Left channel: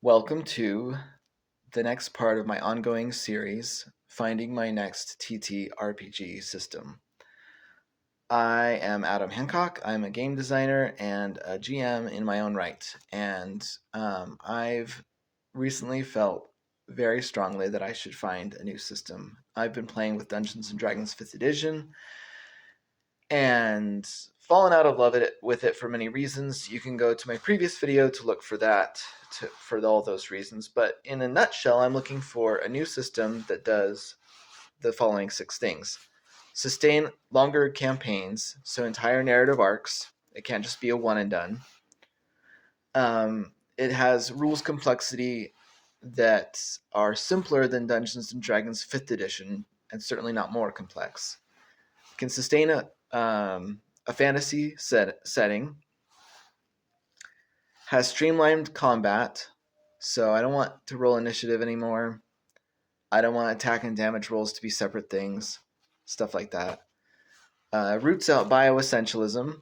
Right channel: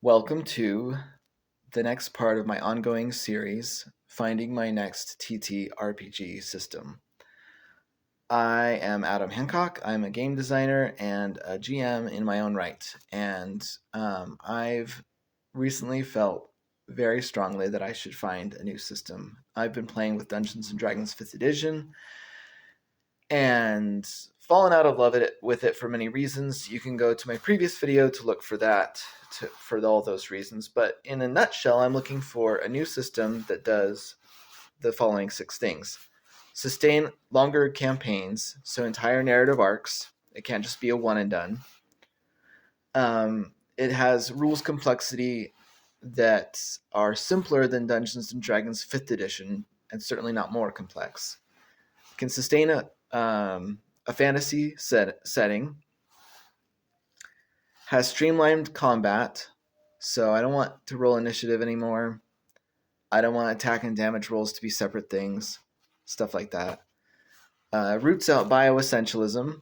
Welcome to the next part of my ongoing series, Finding My Next TTRPG System. I am Adam Hancock. I'm a game designer and a GM in my own right. And I've recently felt very strongly that I should find a new system. I've been playing with Dungeons and Dragons 5th edition and fallen out of love with it for many reasons. You can go to my previous video to look for that, for all those reasons. But in a nutshell, I'm looking for a new system that does the following 6 things. Sustain longer campaigns, so entire narrative arcs. It can't just be a one and done. It has rules complexity that are simpler than Dungeons and Dragons 5th edition, and certainly not more complex. It can sustain a fantasy setting, has streamlined combat, so I don't want to roll initiative anymore. I don't want attack and damage rolls to be separate things, stuff like that. Roots out bioessentialism.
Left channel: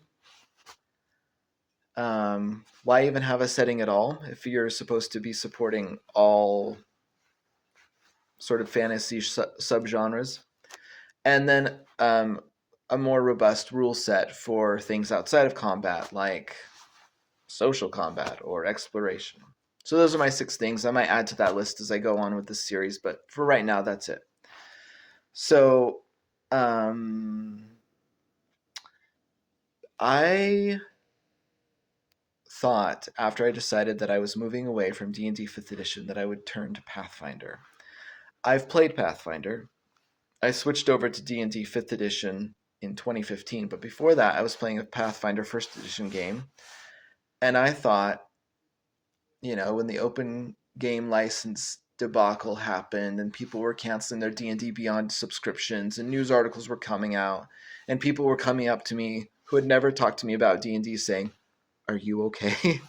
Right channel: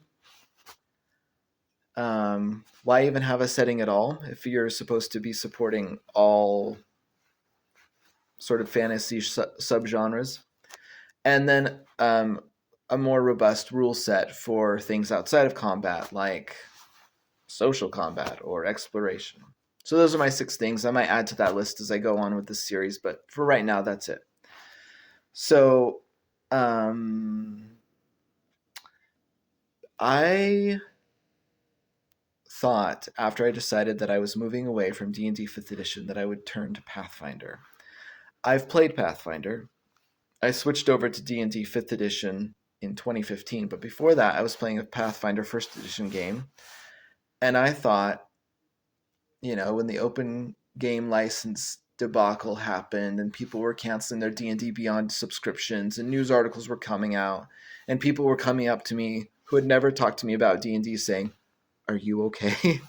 Why even have a setting at all if you're supposed to be supporting all sort of fantasy subgenres? And then a more robust rule set for things outside of combat, like social combat or exploration. So those are my 6 things. I might add to that list as I go on with this series, but for right now, that's it. So I thought, after I decided that I was moving away from D&D 5th edition, that I would turn to Pathfinder. I've played Pathfinder. I switched over to D&D 5th edition in 2015, but before that I was playing a Pathfinder 1st edition game, and I thought, when the open game license debacle happened and people were canceling their D&D Beyond subscriptions and news articles were coming out and people were coming up to me who had never talked to me about D&D saying, "Are you okay?"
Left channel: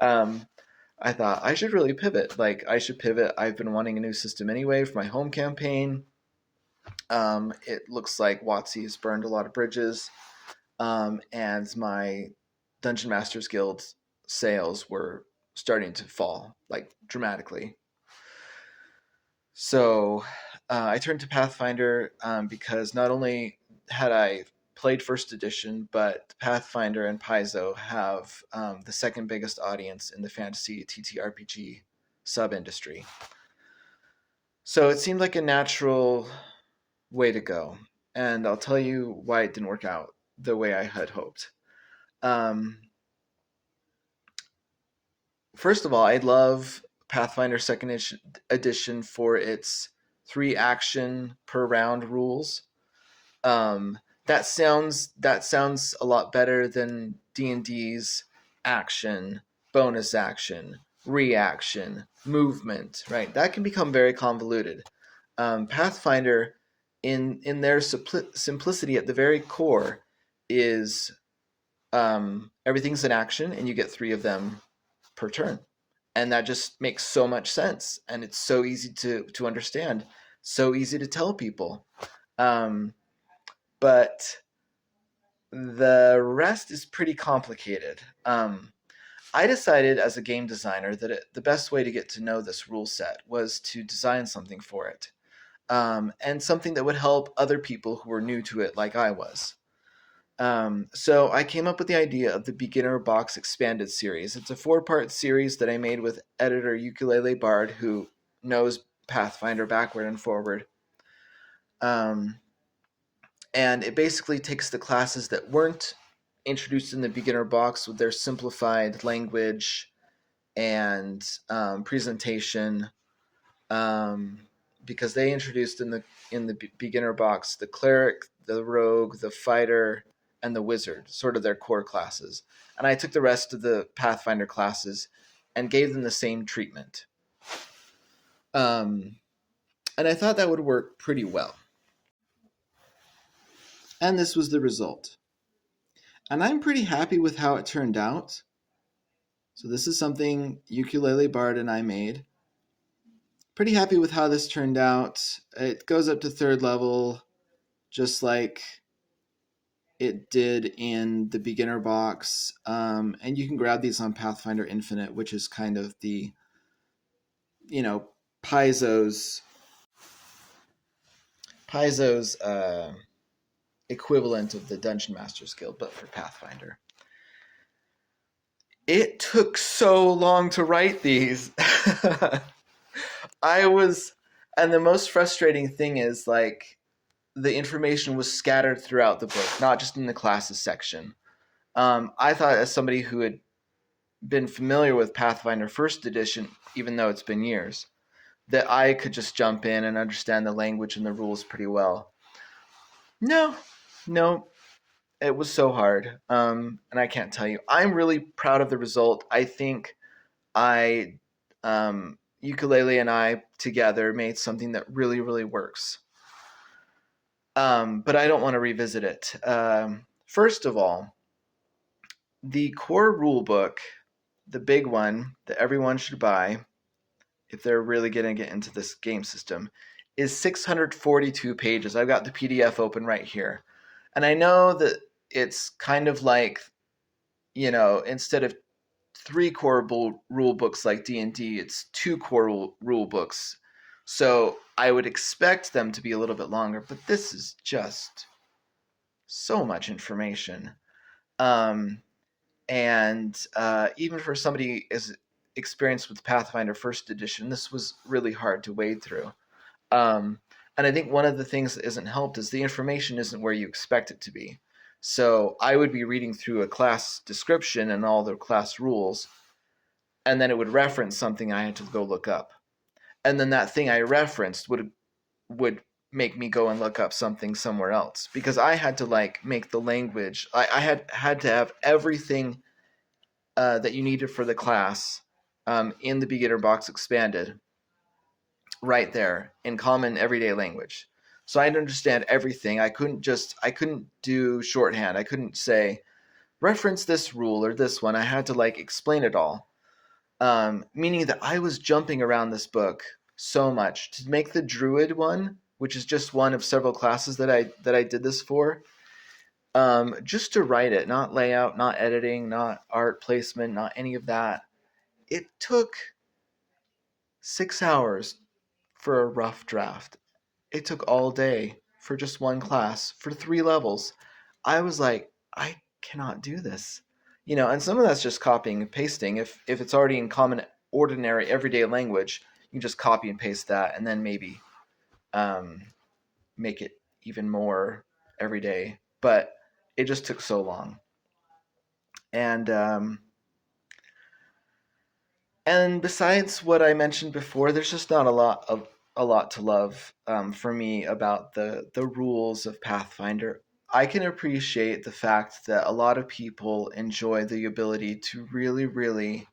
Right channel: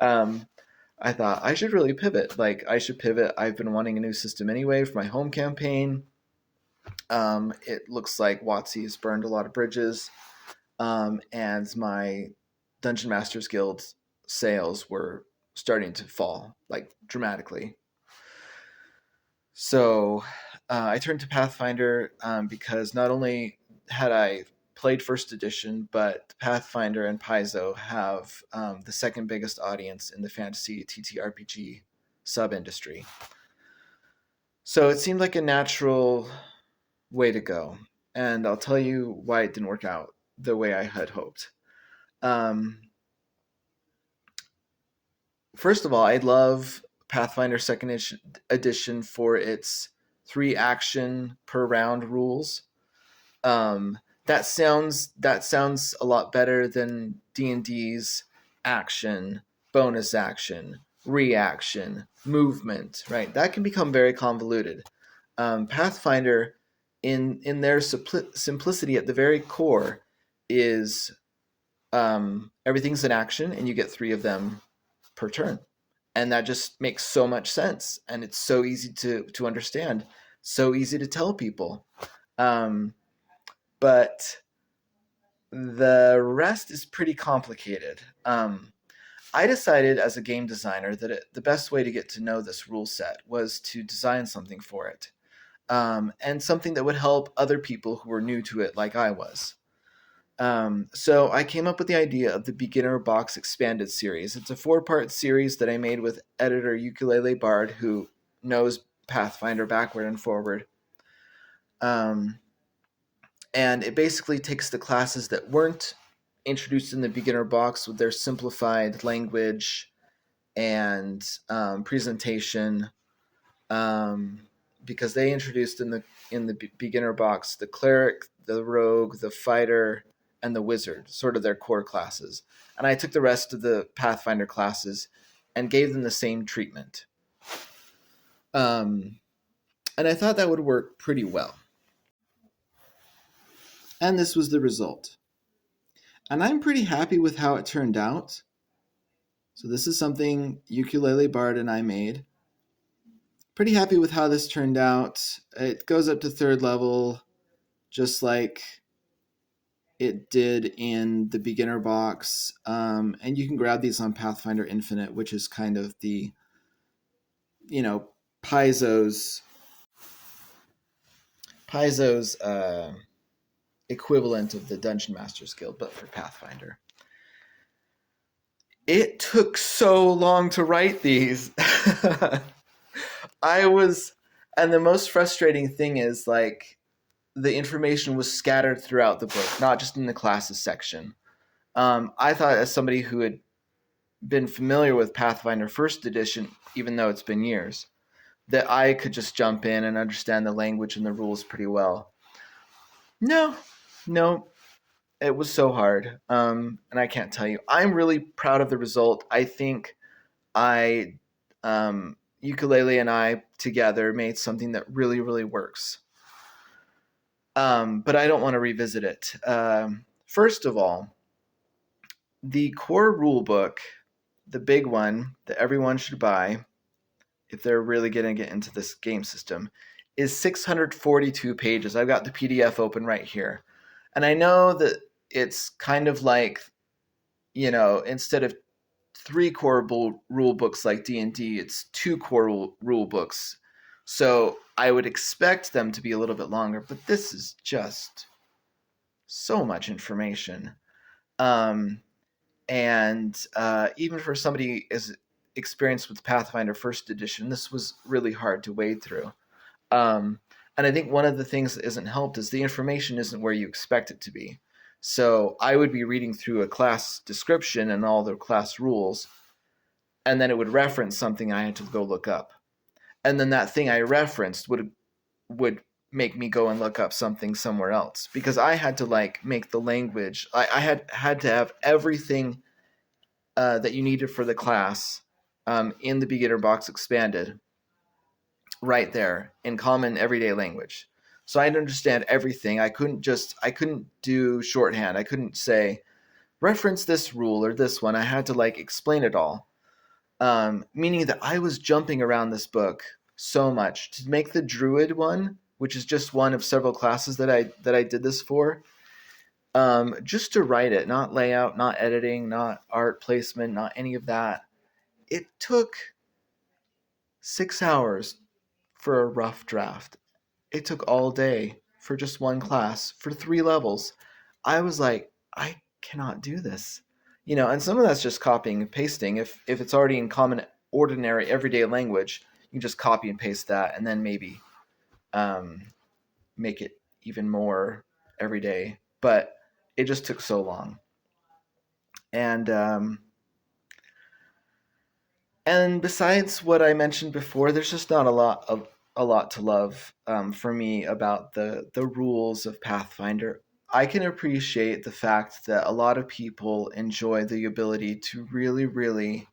I thought I should really pivot. I should pivot. I've been wanting a new system anyway for my home campaign. It looks like WotC has burned a lot of bridges, and my Dungeon Masters Guild sales were starting to fall, dramatically. So I turned to Pathfinder because not only had I played 1st edition, but Pathfinder and Paizo have the second biggest audience in the fantasy TTRPG sub-industry. So it seemed like a natural way to go, and I'll tell you why it didn't work out the way I had hoped. First of all, I love Pathfinder 2nd edition for its 3 action per round rules. That sounds a lot better than D&D's action, bonus action, reaction, movement, right? That can become very convoluted. Pathfinder, in their simplicity at the very core, is everything's an action, and you get 3 of them per turn. And that just makes so much sense. And it's so easy to understand, so easy to tell people. But the rest is pretty complicated. I decided as a game designer that the best way to get to know this rule set was to design something for it. And something that would help other people who were new to it like I was. So I came up with the idea of the Beginner Box Expanded series. It's a 4-part series that I made with editor Ukulele Bard, who knows Pathfinder backward and forward. And it basically takes the classes that weren't introduced in the Beginner Box with their simplified language and presentation, because they introduced in the Beginner Box the Cleric, the Rogue, the Fighter, and the Wizard, sort of their core classes. And I took the rest of the Pathfinder classes and gave them the same treatment. And I thought that would work pretty well. And this was the result. And I'm pretty happy with how it turned out. So this is something Ukulele Bard and I made. Pretty happy with how this turned out. It goes up to 3rd level, just like it did in the Beginner Box. And you can grab these on Pathfinder Infinite, which is kind of the Paizo's equivalent of the Dungeon Masters Guild, but for Pathfinder. It took so long to write these. And the most frustrating thing is, like, the information was scattered throughout the book, not just in the classes section. I thought, as somebody who had been familiar with Pathfinder First Edition, even though it's been years, that I could just jump in and understand the language and the rules pretty well. No, it was so hard, and I can't tell you. I'm really proud of the result. I think Ukulele and I together made something that really, really works. But I don't want to revisit it. First of all, the core rule book, the big one that everyone should buy if they're really going to get into this game system, is 642 pages. I've got the PDF open right here. And I know that it's kind of like, instead of 3 core rule books like D&D, it's 2 core rule books. So I would expect them to be a little bit longer, but this is just so much information. And even for somebody as experienced with Pathfinder First Edition, this was really hard to wade through. And I think one of the things that isn't helped is the information isn't where you expect it to be. So I would be reading through a class description and all the class rules, and then it would reference something I had to go look up. And then that thing I referenced would make me go and look up something somewhere else, because I had to make the language. I had to have everything that you needed for the class in the beginner box expanded right there in common everyday language. So I had to understand everything. I couldn't do shorthand. I couldn't say reference this rule or this one. I had to explain it all. Meaning that I was jumping around this book so much to make the Druid one, which is just one of several classes that I did this for. Just to write it, not layout, not editing, not art placement, not any of that. It took 6 hours for a rough draft. It took all day for just one class for 3 levels. I was like, I cannot do this. And some of that's just copying and pasting. If it's already in common, ordinary, everyday language, you just copy and paste that, and then maybe make it even more everyday. But it just took so long. And besides what I mentioned before, there's just not a lot to love for me about the rules of Pathfinder. I can appreciate the fact that a lot of people enjoy the ability to really, really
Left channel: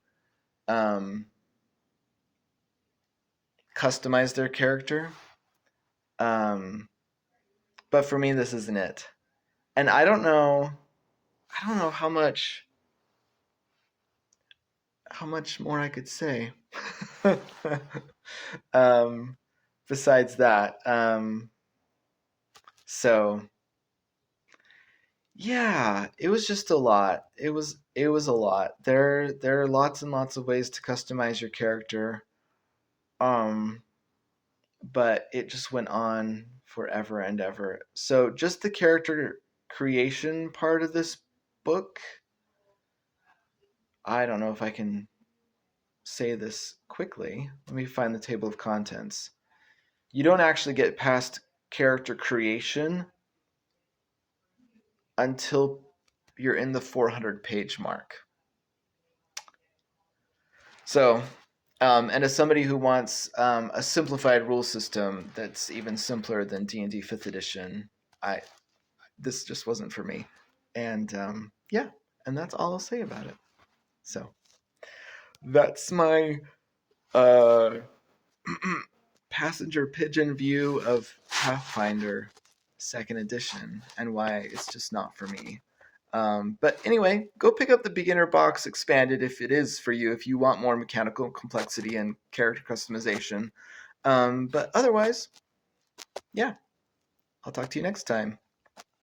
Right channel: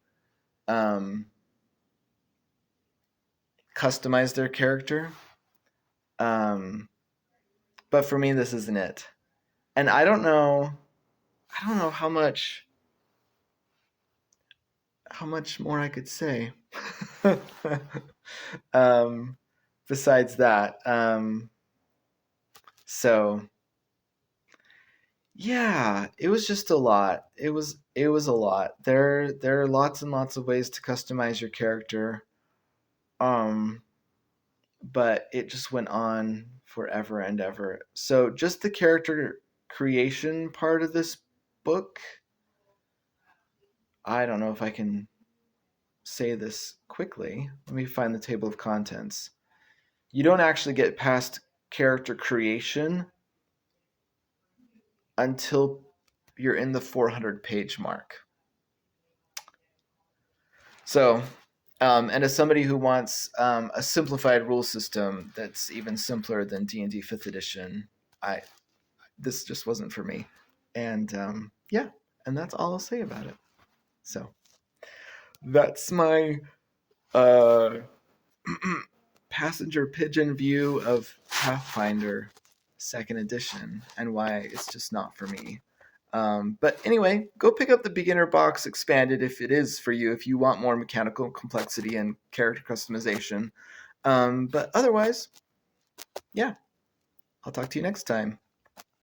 customize their character. But for me, this isn't it. And I don't know how much more I could say. Besides that, so yeah, it was just a lot. It was a lot. There are lots and lots of ways to customize your character. But it just went on forever and ever. So just the character creation part of this book, I don't know if I can say this quickly. Let me find the table of contents. You don't actually get past character creation until you're in the 400-page mark. So, and as somebody who wants a simplified rule system that's even simpler than D&D 5th edition, this just wasn't for me. And and that's all I'll say about it. So that's my passenger pigeon view of Pathfinder 2nd edition and why it's just not for me. But anyway, go pick up the beginner box expanded if it is for you, if you want more mechanical complexity and character customization. But otherwise, yeah, I'll talk to you next time.